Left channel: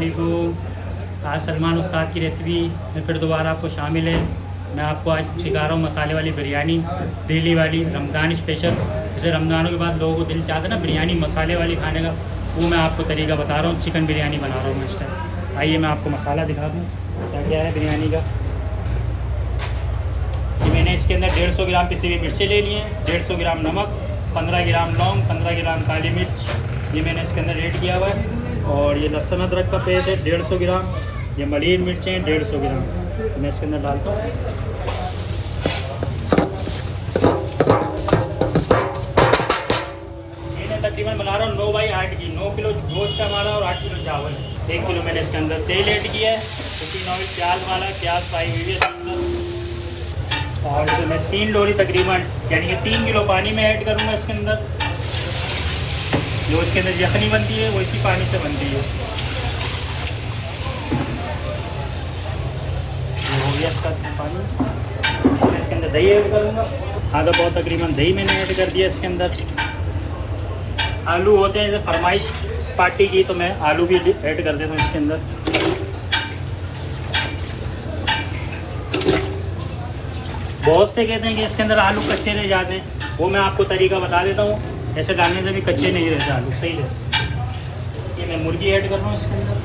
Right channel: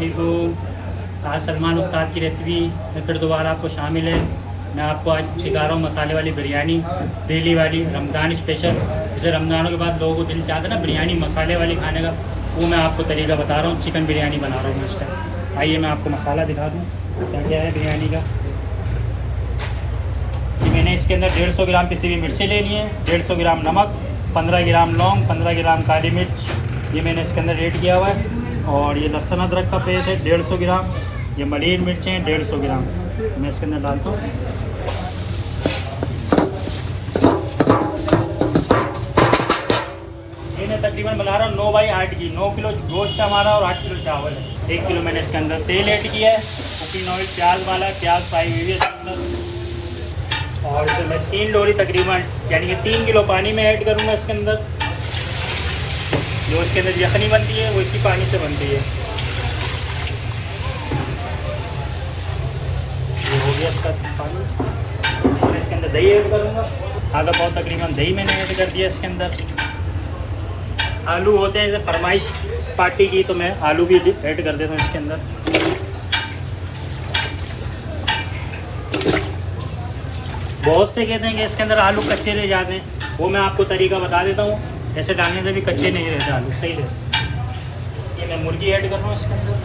अस्सलामुअलैकुम। आज सलमान उस्ताद की रेसिपी में फिर दोबारा आपको शामिल है। मैं आपको आज सिखा रहा हूँ मसाले वाली बिरयानी, डेली वाली, रमज़ान स्पेशल। जैसे रमज़ानों के बाद लोगों को दिल चाहता है ना बिरयानी मसाले वाली खाने का, वो मैं आपको तरीका बता रहा हूँ। चिकन बिरयानी बना रहा हूँ मैं इस टाइम। आइए मैं आपको मसाला दिखा दूँ क्या क्या है बिरयानी का। मैंने इसके अंदर 150 ग्राम पिसी हुई मिर्ची ले ली है, 150 ग्राम नमक, 15 ग्राम लौंग, 15 ग्राम काली मिर्च, ये मैंने इसके अंदर ऐड किया हुआ है। और ये लहसुन अदरक का पेस्ट है 150 ग्राम, ये मलीन मिर्चें 150 ग्राम मैं इसके अंदर डालता हूँ। मैं तकरीबन बना रहा हूँ 9/8 की, 9 किलो गोश्त हमारा और 8 किलो चावल है। 1 किलो मैंने इसके अंदर तेल ऐड किया है, प्याज डाला, प्याज फ्राई हुई है। और फिर मैं 3 डोरी तकरीबन यानी 3 किलो पानी में ऐड करूँगा इसके अंदर। जो इसके अंदर यखनी बनती है वो इसी पानी से बनती है। इसके अंदर दही ऐड करूँगा, आधा बहुत तकरीबन दही मैंने ऐड कर दिया इसके अंदर। आलू होते हैं जैसे फरमाइश पार्टी की, तो मैं आलू भी ऐड कर देता हूँ इसके अंदर। बहुत से कहते हैं कि इसके अंदर आलू कच्चे रह जाते हैं, वो मैं आपको तरीका बता देता हूँ। जैसे डालने से भी कच्चे नहीं रहते आलू, सही है। मैं मुर्गी ऐड करूँगा इसके अंदर।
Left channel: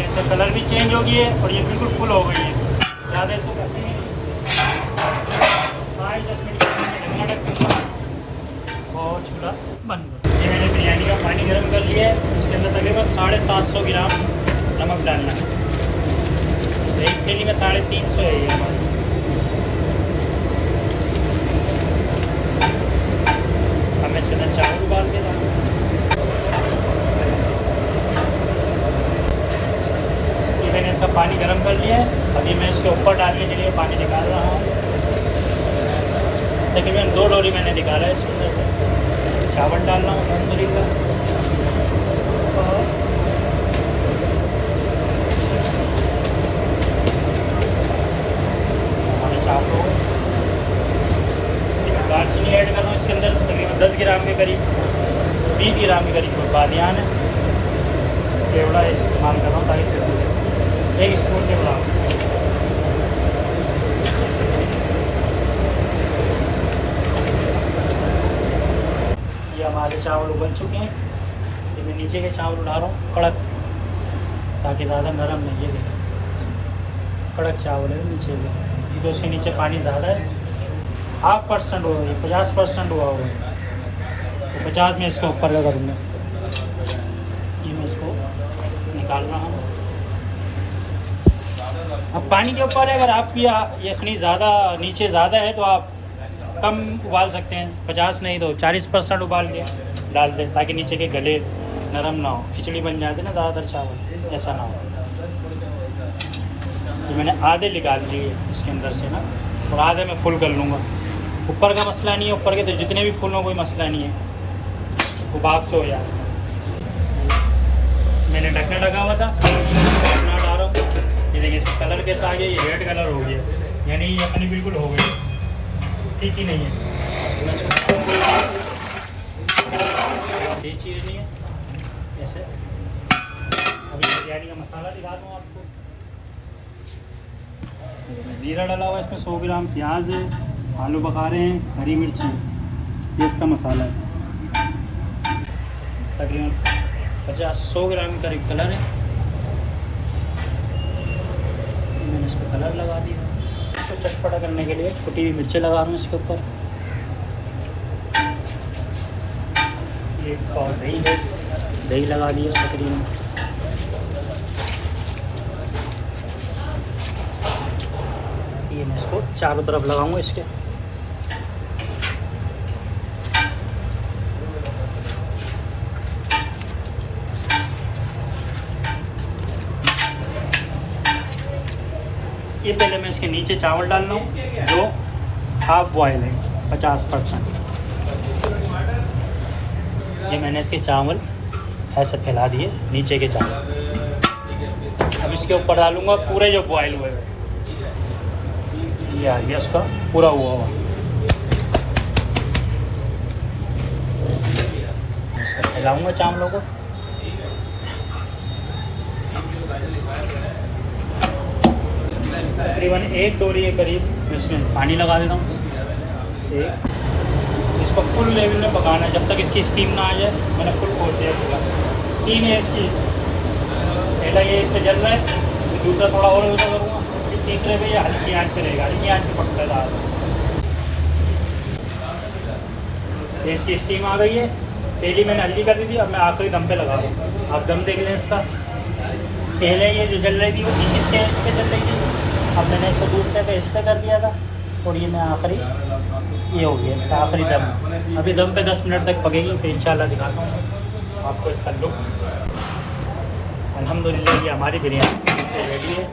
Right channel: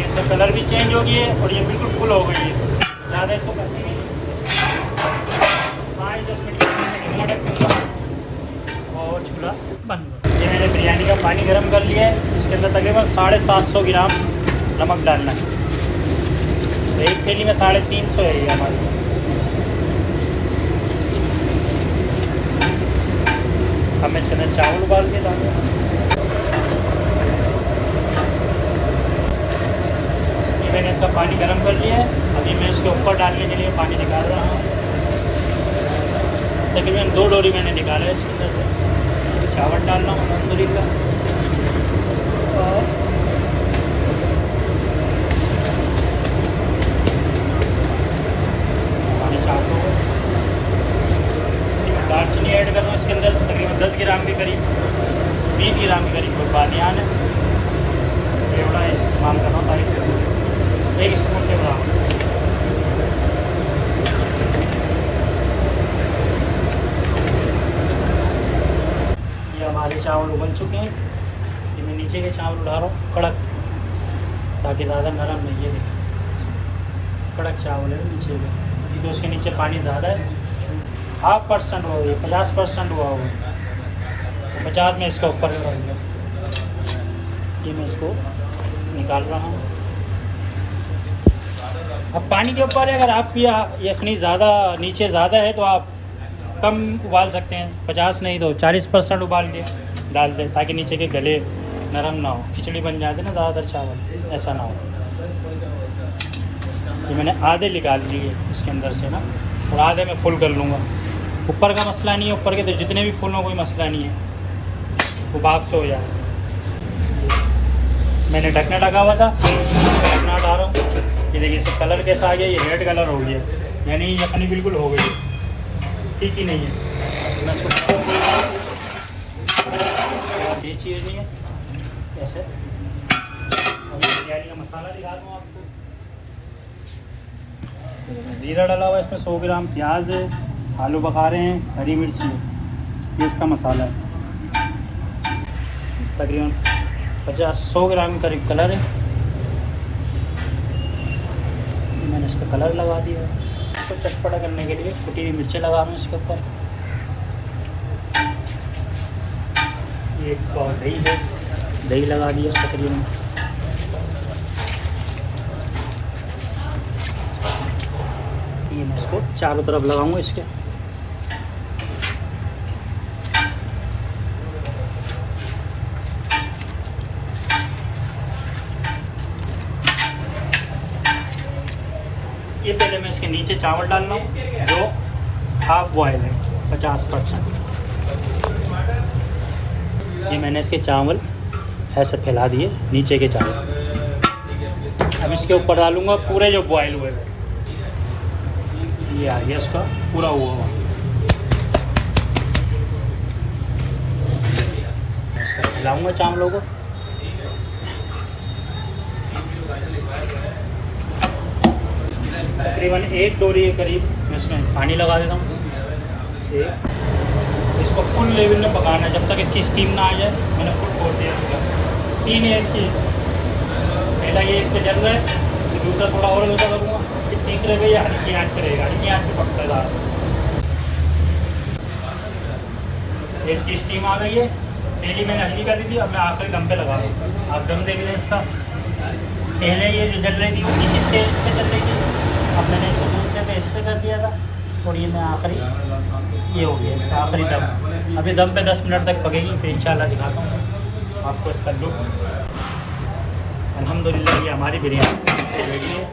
इसका कलर भी चेंज हो गया है और ये बिल्कुल फुल हो गई है। ज़्यादा इसको करती नहीं, 5-10 मिनट और चूल्हा बंद। मैंने बिरयानी का पानी गर्म कर लिया है, इसके अंदर तकरीबन 750 ग्राम नमक डालना है। एक के लिए मैं 350 एरिया डालूँ। अब इसके अंदर चावल उबाल के डालूँ। मैंने इसका पानी गर्म कर दिया है, अभी मैं इसके ऊपर डालने के लिए पानी निकाल रहा हूँ। तकरीबन 2 डोरी मैंने निकाला है इसमें। चावल डालना दालचीनी ऐड करना इसके अंदर तकरीबन 10 ग्राम के करीब, 20 ग्राम के करीब बादियान पेड़ा इस्तेमाल करना चाहिए, 1 स्पून के बराबर। हमारे चावल उबल चुके हैं, ये मैं नीचे के चावल उड़ा रहा हूँ कड़क, ताकि ज़्यादा नरम नहीं लगे। कड़क चावल है नीचे का, क्योंकि उसके नीचे पानी ज़्यादा है। 50% हो गई, 50% हुआ होगा, तो 50 में इसको ऊपर लगा दूँगा। ये मैं इसको निकाल रहा हूँ। अब पानी के ऊपर अगर आपकी यखनी ज़्यादा नीचे ज़्यादा है तो आप कम उबाल सकते हैं, 50 नहीं तो 40% उबाल के डालते हैं, ताकि नीचे के गले नरम ना हो, खिचड़ी बन जाती है ना ज़्यादातर चावल, ऐसा ना हो। तो मैंने आधे निकाल लिए इसके अंदर से ना, और आधे में फुल कर लूँगा। ऊपर का मसला नहीं है, ऊपर के तो जितने भी फुल हो कोई मसला नहीं है, वो बात से हो जाए। मैंने ढकना लगा हुआ था, ढकना डाल रहा हूँ। ये देखिए इसका कलर कैसा आ गया, ये रेड कलर हो गया, यानी यखनी बिल्कुल हो गई, ठीक ही नहीं है। ये चीज़ नहीं है ऐसे। बिरयानी का मसाला दिखा दूँ आपको। ज़ीरा डाला हुआ है इसमें, 100 ग्राम प्याज है, आलू बखारे हैं, हरी मिर्च है, ये इसका मसाला है। तकरीबन 100 ग्राम करीब कलर है, मैंने इस पर कलर लगा दिया। चटपटा करने के लिए छोटी मिर्चें लगा दूँ इसके ऊपर। और दही लगा दिए तकरीबन। इसको चारों तरफ लगाऊंगा इसको। ये पहले मैं इसके नीचे चावल डाल लूँ जो हाफ बॉयल है 50%। ये मैंने इसके चावल ऐसे फैला दिए नीचे के चावल। अब इसके ऊपर डालूंगा पूरे जो बॉयल हुए हुए, ये आ गया उसका पूरा हुआ हुआ। इसका फैलाऊंगा चावलों को। तकरीबन 1 डोरी के करीब मैं इसमें पानी लगा देता हूँ। इसको फुल लेवल में पकाना है जब तक इसकी स्टीम ना आ जाए। मैंने खुद खोल दिया पूरा 3 है इसकी। पहला ये इस पर जल रहा है, दूसरा थोड़ा और हल्का करूँगा, फिर तीसरे पे ये हल्की आँच पे रहेगा, हल्की आँच पे पकता जा। ये इसकी स्टीम आ गई है। पहली मैंने हल्की कर दी थी, अब मैं आखिरी दम पे लगा रहा हूँ। आप दम देख लें इसका। पहले ये जल रही थी नीचे से इस पर चल रही थी, अब मैंने इसको दूसरे पे इस पर कर दिया था, और ये मैं आखिरी ये हो गया इसका आखिरी दम। अभी दम पे 10 मिनट तक पकेगी, फिर इंशाल्लाह दिखाता हूँ आपको इसका लुक। अल्हम्दुलिल्लाह ये हमारी बिरयानी रेडी है,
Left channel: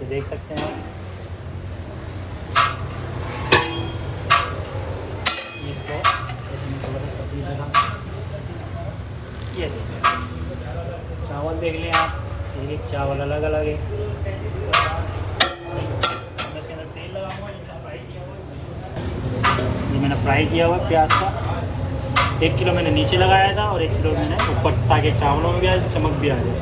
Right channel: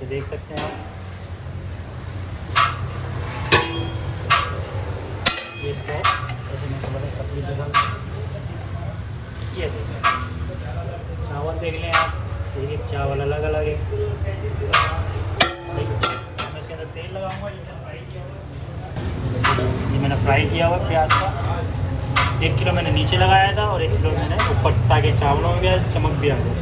ये देख सकते हैं। ये इसको ये चावल देख लें आप, ये चावल अलग अलग है। तेल लगाऊंगा, ये मैंने फ्राई किया हुआ प्याज का। 1 किलो मैंने नीचे लगाया था और 1 किलो मैंने ऊपर, ताकि चावलों में भी आज चमक भी आ जाए।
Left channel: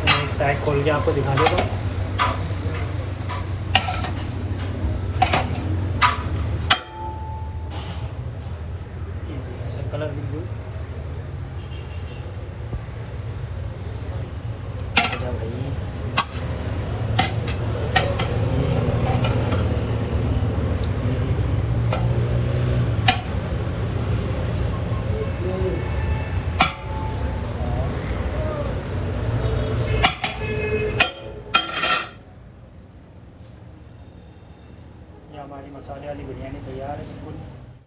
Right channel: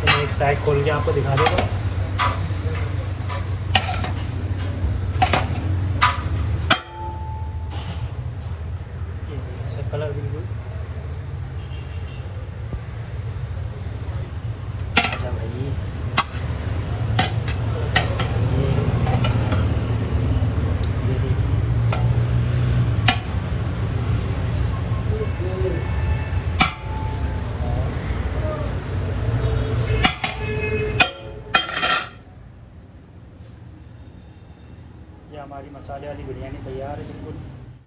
तो एक साइड खोल के आपको दिखा देगा। कलर बिल्कुल हमारी मसाले वाली बिरयानी तैयार है बिल्कुल।